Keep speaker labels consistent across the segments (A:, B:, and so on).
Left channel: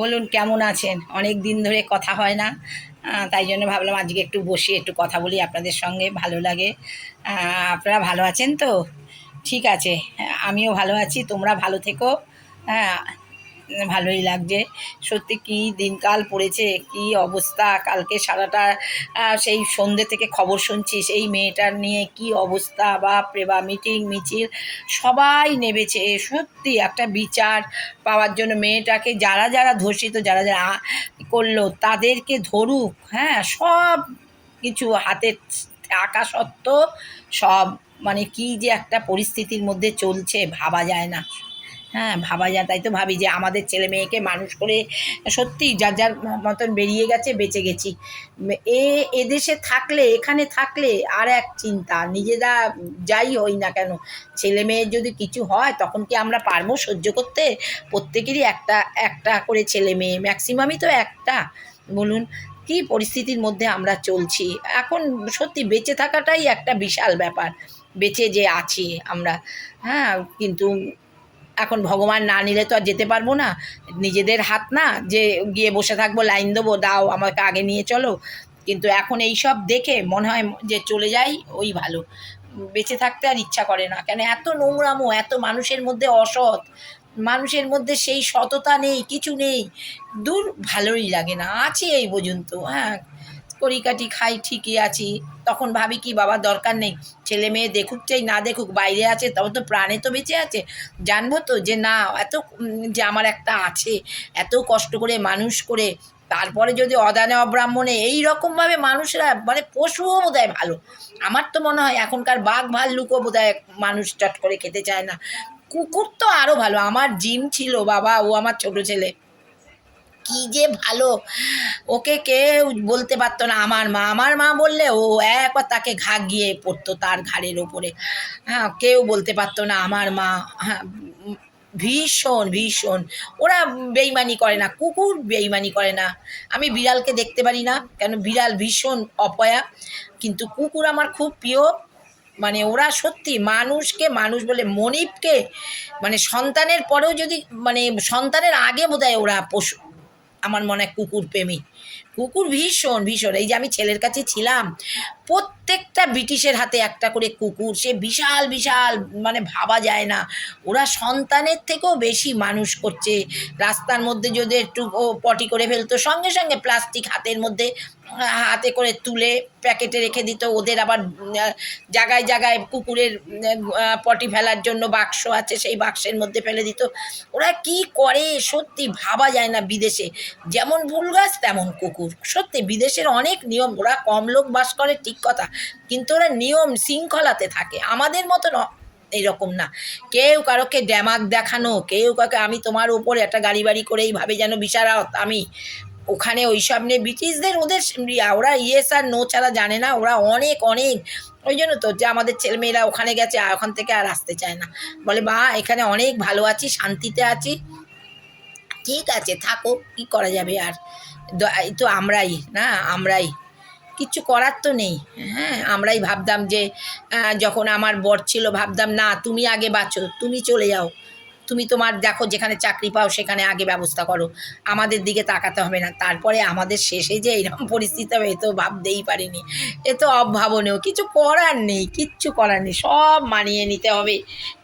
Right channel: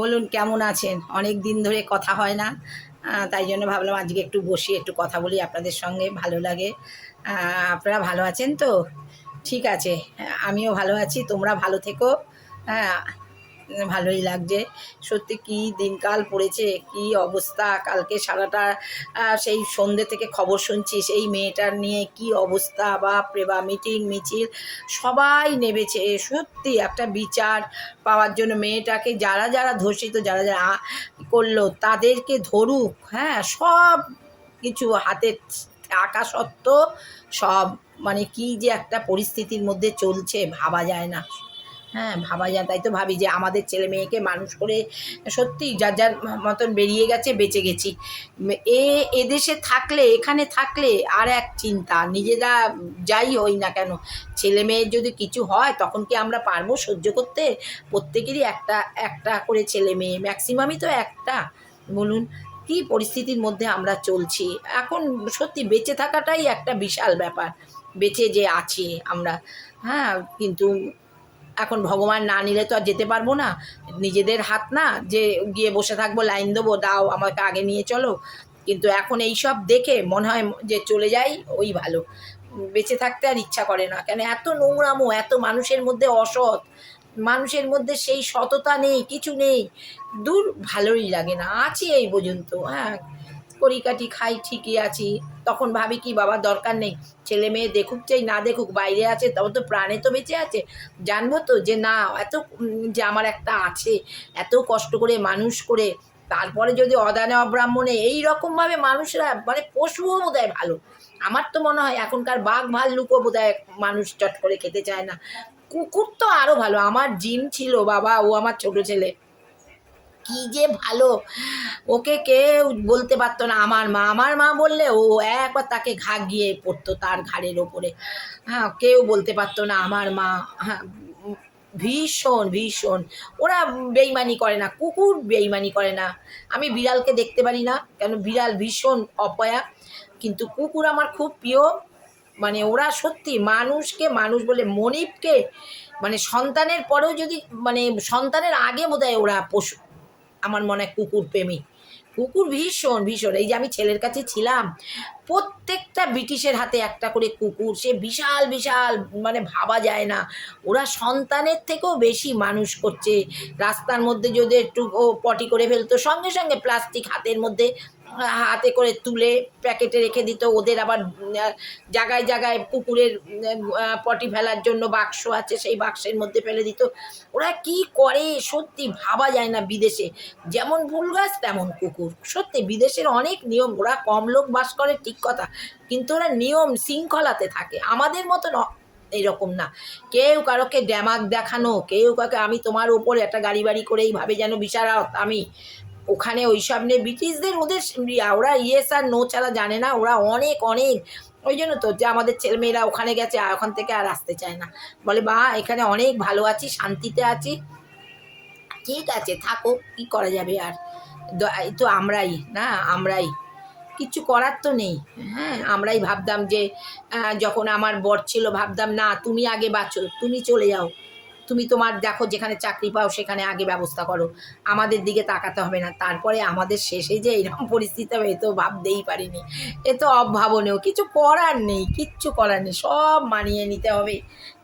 A: বলুন, কেমন আছেন? অনেক দিন ধরে কথা হয় না তাই জন্য ভাবলাম আজকে একটু বসে একটু কথা বলি আপনাদের সঙ্গে, ভালো লাগে। আপনারা ভালো আছেন তো? ঠিক আছে, আমিও ভালো আছি, তোমরা ভালো থেকো। হ্যাঁ ভালোই লাগছে। সত্যি কি দিনকাল পড়েছে, কি অবস্থা, কালকে সারাটা সেই সন্ধ্যে থেকে খবর শুনছি সেই মেয়েটার নিয়ে কি অবস্থা বা মিটিং, মিছিল, সবাই নেমেছে। সত্যি একটা বিচার পাওয়ার জন্য মেয়েটাকে যারা যারা ধর্ষিত, যারা যারা করল, তাদেরকে ধরুক হ্যাঁ সব কিছু হাতে থাকা সত্ত্বেও সব মানে কি যে একটা পরিস্থিতির মধ্যে চলছে, ভাবা যায় না। হ্যাঁ ভাবা যায়। তাই তো ভাবি যে আমাদের ছেলে মেয়েকে মানুষ করে সত্যি যার যার মতন বেরিয়ে গেছে, বেঁচে গেছি। এ, এদেশে থাকলে, এখানে থাকলে আর এক চিন্তা, নিজেরা যাই হই না কেন। ছেলে মেয়ের যদি কিছু হয়, তখন কি আমরা পারব সহ্য করতে? প্রত্যেকেরই একটা একটা করে ছেলে মেয়ে, ম্যাক্সিমামই তো একটা। বলুন, কি পরিস্থিতির মধ্যে আমরা চলছি? এখন সত্যি বেঁচে থাকাটাই একটা বিশাল ব্যাপার। বেঁচে যে আছি আমরা। হ্যাঁ কিন্তু এখন ভগবান না নিলে তো আর যেতে পারব না। নিজেদের হাত না, যে গিয়ে বসে থাকব, লাইন দেবো, দাও, আমাকে আগে নিয়ে চলো। কিন্তু এখন এই সব দেখে মনে হয় যে চলে যাই, ওই ভালো। বেঁচে থাকতে আর ইচ্ছা করে না। কেন এত নোংরামো, এত মানুষের মধ্যে অসৎ। মানুষের মধ্যে সেই সততা নেই, কিছু নেই। দূর ভালোই লাগে না, আছি এই পর্যন্ত হ্যাঁ। কড়িকাটি খাই, ঠিকই আছি। তখন ভাবি, কি বাবা, দরকার নেই। ছেলে মেয়ে দেখুক চাই, না দেখুক, বাইরে আছে, তবে তো প্রাণে তো বেঁচে আছে। জানব তো যে না, এত যে আমার একটা আছে, এত কষ্ট করে মানুষ করে, তারপরে যদি অদানে অব্রাহ্মণে এই রকমভাবে মানুষরা মানে পশুও বোধ হয় ভালো। আমার তো মনে হয়, এখনকার বাঘ ভাল্লুকও বোধ মানুষ চট করে খেতে চায় না। কুকুর তো আরও ভালো। আমার জিম ছিল, বাবা, ও আমার ছোট ছেলে। কি যে ভালো। ওকে কেউ বলতে পারতো না। আমার মা আমার মা বললে ও একবার তাকে ঘা গিয়ে পড়তো তার ঘাড়ের ওপরে। হ্যাঁ কেউ বলতে পারতো না। আমার মা হ্যাঁ ভীষণ ভীষণ। ওরা বেইমানি করে না। কুকুর বেইমানি করে না। আমি বিড়ালকে দেখতে পারি না, কেন বিড়াল ভীষণ অপয়া। কিন্তু কুকুর আমার খুব প্রিয়। মানে ওরা সত্যি মানুষকে, মানুষ বলে মনিপকে মানে সন্তানের পরেও যদি মানে সন্তানের আগে বোধহয় ওরা পশু আমার মনে হয় কুকুর প্রেমী। কুকুর ভীষণ ভীষণ। এই যে আমি ছেলের কাছে ছিলাম, প্রত্যেকটা ব্রিটিশের হাতে একটা করে কুকুর, সে বিশাল বিশাল মানে ভাবা যায় না। ওরা সন্তানের থেকেও বেশি মানুষ করছে। রাস্তার মধ্যে যদি একটু পটি করে ফেলতো, সঙ্গে সঙ্গে প্লাস্টিক হাতের মধ্যে হাতে করে তুলে প্যাকেটে রেখে দিত। ওদের আবার জায়গায় জায়গায় কুকুরের পটি ফেলার জন্য বাক্স আছে, সেই বাক্সের মধ্যে ফেলে দিত। ওরা কি করে সত্যি ভাবা যায় না বিদেশে। যেমন ভুল গাছ, তেমন কুকুর। সত্যি বিদেশের অনেক নিয়ম, ওরা কম লোক বাস করে, ঠিক কথা। কিন্তু ওরা নিয়ম শৃঙ্খলাতে থাকে। আমাদের মতন অ- এইরকম না। কেউ কারোকে ড্যামাক দেখানো, কেউ কাউকে, আমি তোমার ওপরে একটা গাড়ি বাড়ি করে এইভাবে যেন বিশারত আমি ওখানে ওই সব নিয়ে ব্রিটিশদের ওদের ওরা ইয়েস আর নো ছাড়া জানে না, ওরা অনেক অনেক। ওই জন্য তো যে আমাদের ছেলেমেয়েরা ওখানে গেছে আর ওখান থেকে আর আসতে চায় না। বলে, মা, এখানে অনেক ভালো আছি, শান্তিতে আছি। ঠিক আছে, থাকো, কি করা যাবে আর? তো আমরাই, না, আমরাই। কিচ্ছু করার তো নেই হ্যাঁ আমরাই ভাবতাম যে যখন আমার বর ছিল, ভাবতাম, না, তুমি আগে বাঁচো, তুমি চলে যাও। তুমি তোমার দেখো যেখানে চাকরি পাও সেখানে আগে ব্যবস্থা করো। আমাদের দিকে তাকাতে হবে না। তারপরে আমাদের শেষে যে এরকম পরিস্থিতি হবে, এ তো ভাবতেই পারিনি। এ তো অভাবনীয়। কিছু করার নেই, কিচ্ছু করার নেই। সব মানিয়ে নিতে হবে।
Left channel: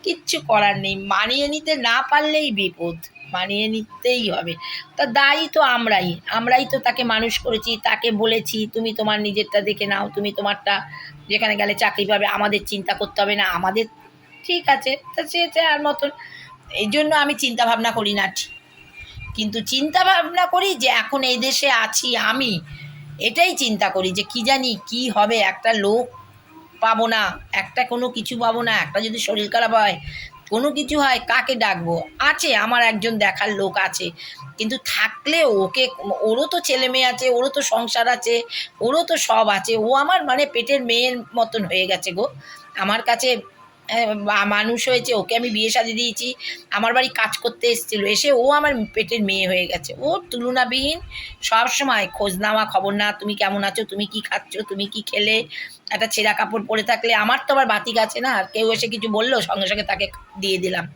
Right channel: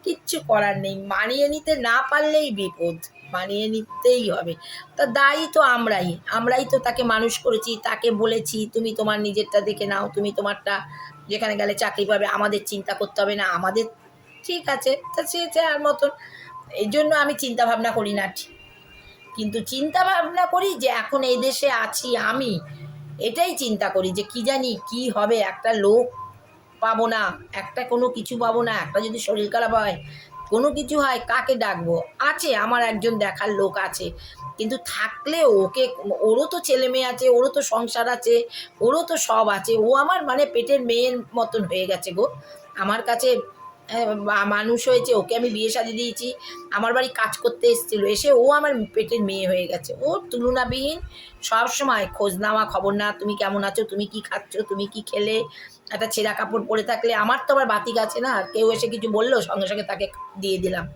A: কিচ্ছু করার নেই। মানিয়ে নিতে না পারলেই বিপদ। মানিয়ে নিতেই হবে। তা দায়ী তো আমরাই। আমরাই তো তাকে মানুষ করেছি, তাকে বলেছি, তুমি তোমার নিজেরটা দেখে নাও, তুমি তোমারটা যেখানে গেলে চাকরি পাবে, আমাদের চিন্তা করতে হবে না। আমাদের ঠিক আছে। তা সে আর মতন। এই জন্য আমি চিন্তা ভাবনা করি না। কিন্তু চিন্তা ভাবনা করি যে এখন এই দেশে আছি আমি, এটাই চিন্তা করি যে কি জানি কি হবে, একটা লোক পাবো না, একটা কোনো কিছু পাবো না, একটা যদি শরীর খারাপ হয়, কোনো কিছু হয়, কাকে ডাকবো? আছে, আমার একজন দেখার লোক আছে। কিন্তু থাকলে ওকে, ওরও তো ছেলে মেয়ে আছে, ওরও তো সংসার আছে, ওরও তো সব আছে, ও আমার মানে পেটের মেয়ের মতন হয়ে গেছে গো। আমার কাছে মানুষ হয়েছে, ওকে আমি বিয়ে শাদি দিয়েছি, আমার বাড়ি কাজ করতে এসেছিল, এসে ও আমার পেটের মেয়ে হয়ে গেছে ওর তুলনাবিহীন সবসময় খোঁজ নেওয়া, খবর না তুমি কেমন আছো, তুমি কি খাচ্ছ, তুমি কি খেলে, একটা ছেঁড়া কাপড় পরে থাকলে, আমার তো আবার বাতিক আছে না কেউ এসে কিছু বলল, সঙ্গে সঙ্গে তাকে দিয়ে দিলাম,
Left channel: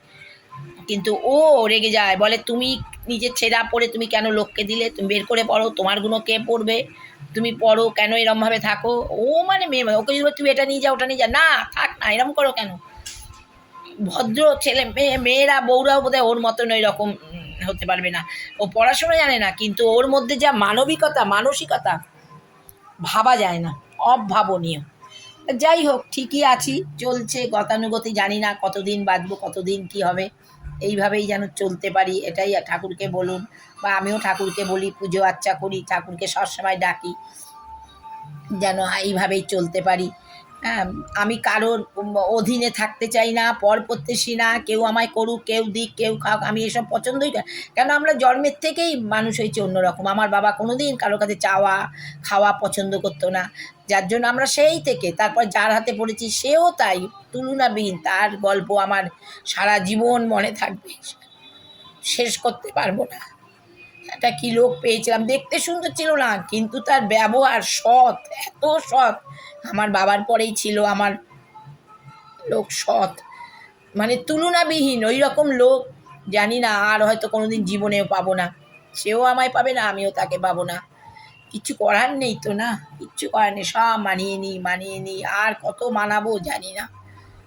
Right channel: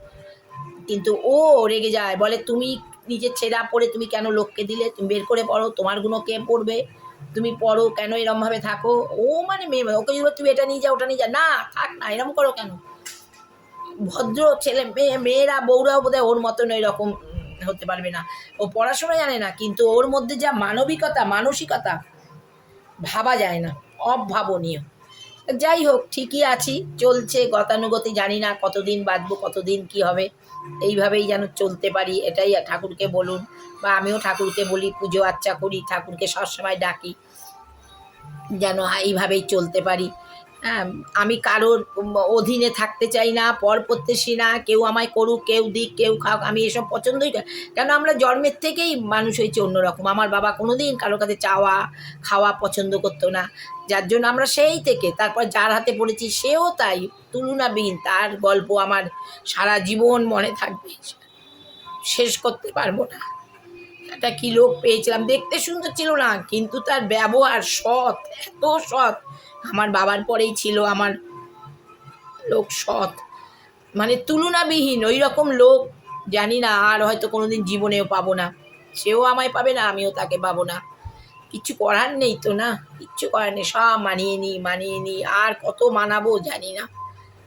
A: কিন্তু ও রেগে যায়, বলে তুমি নিজের ছেঁড়া পরে তুমি কেন লোককে দিলে, তুমি বের করে পড়ো, তোমারগুলো কে পড়বে? তুমি পড়ো কেন এরমভাবে থাকো? ও মানে মেয়ে ওকে যদি বলে, তুমি এটা নিয়ে যাও ওটা নিয়ে যা না থাক না এরম করো কেন? ভদ্র ছেলে মেয়ে মেয়েরা বউরাও বোধহয় ওর মতন ওই রকম হতে পারবে না। ও পড়াশোনা জানে না কিন্তু ওর মধ্যে যা মানবিকতা মানসিকতা ভাবা যায় না অভাবনীয়। যাই হোক, ঠিকই আছি। চলছে গতানুগতি, জানি না কতদিন বাঁচবো, কতদিন কি হবে। এইভাবেই যেন চলতে পারি, এটাই ঠাকুরকে বলুন। বা আমিও ঠাকুরকে বলি, পুজো আচ্চা করি, ঠাকুরকে সবসময় ডাকি, যেন এইভাবেই চলতে পারি। আমি কারোর অধীনে থাকতে চাই না, পর প্রত্যাশী না, কেউ আমায় করুক, কেউ দিক, কেউ খাক আমি এসব পছন্দই। কেন আমরা জন্মের থেকেই মানুষ হয়েছে অন্যরকম। আমার বাবা কোনো দিন কারোর কাছে চাওয়া, খাওয়া পছন্দ করতো না। যার জন্য আমরা সেই থেকে, তারপর যার হাতে পড়েছি সেও তাই তুলনাবিহীন। তার গল্প আমার সারা জীবন মনে থাকবে। শেষ করতে পারব না। একটা কি লোক পেয়েছিলাম, দেখতে সুন্দর ছিল না, কিন্তু তার ব্যবহার সৎ, এত সৎ। আমার বাবার পরেই ছিল আমার লোক সৎ। মানে তুলনাবিহীন ওই রকম লোক জানি না, আর হয়তো কোনোদিন জীবনেও পাবো না। সেও আমায় পাবে না, আমিও তাকে পাবো না। কিচ্ছু করার নেই তো না? কিচ্ছু করার নেই, সব মানিয়ে নিই মানিয়ে নিই, আর কত মানাবো জানি না।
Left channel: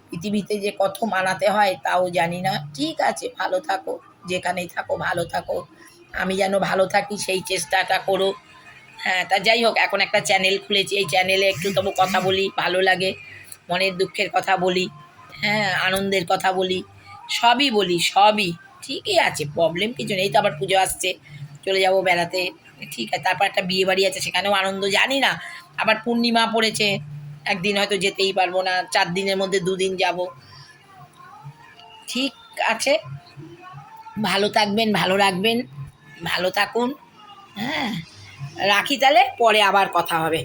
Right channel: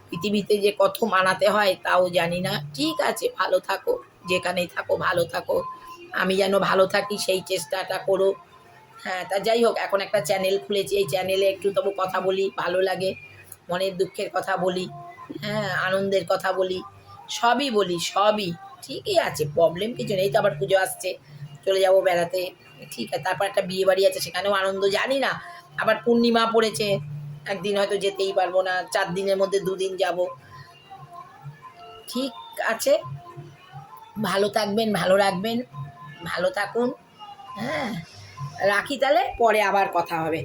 A: পৃথিবীতে যে কত মানাতে হয়, তাও জানি না। ঠিক আছে, ভালো থাকো, যেখানেই থাকো, ভালো থাকো। আমি যেন ভালো থাকি, সেই চেষ্টাটা করো। হ্যাঁ তা যাই হোক, এখন একটা চ্যানেল খুলেছি। এই চ্যানেলে একটু তবু কথা বলি, ভালো লাগে। মনের দুঃখের কথা বলি হ্যাঁ আনন্দের কথা বলি, সবই বলি, সবই। ঠিকই আছে প্রবলেম কিছু নেই তো আবার পুজো আসছে। চলে যাব বেড়াতে। ঠিক আছে, তারপর একটা বিয়ে বাড়ি আছে, সেখানেও আনন্দ, জানি না। আবার পূর্ণিমা পড়েছে, একদিন হয়তো যেতেই পারব না, চার দিনের মধ্যে দুদিন যাব। ঠিক আছে, ভালো থাকবেন, ভালো রাখবেন, ভালো থাকুন হ্যাঁ। রাখি তাহলে পরে আবার কথা হবে।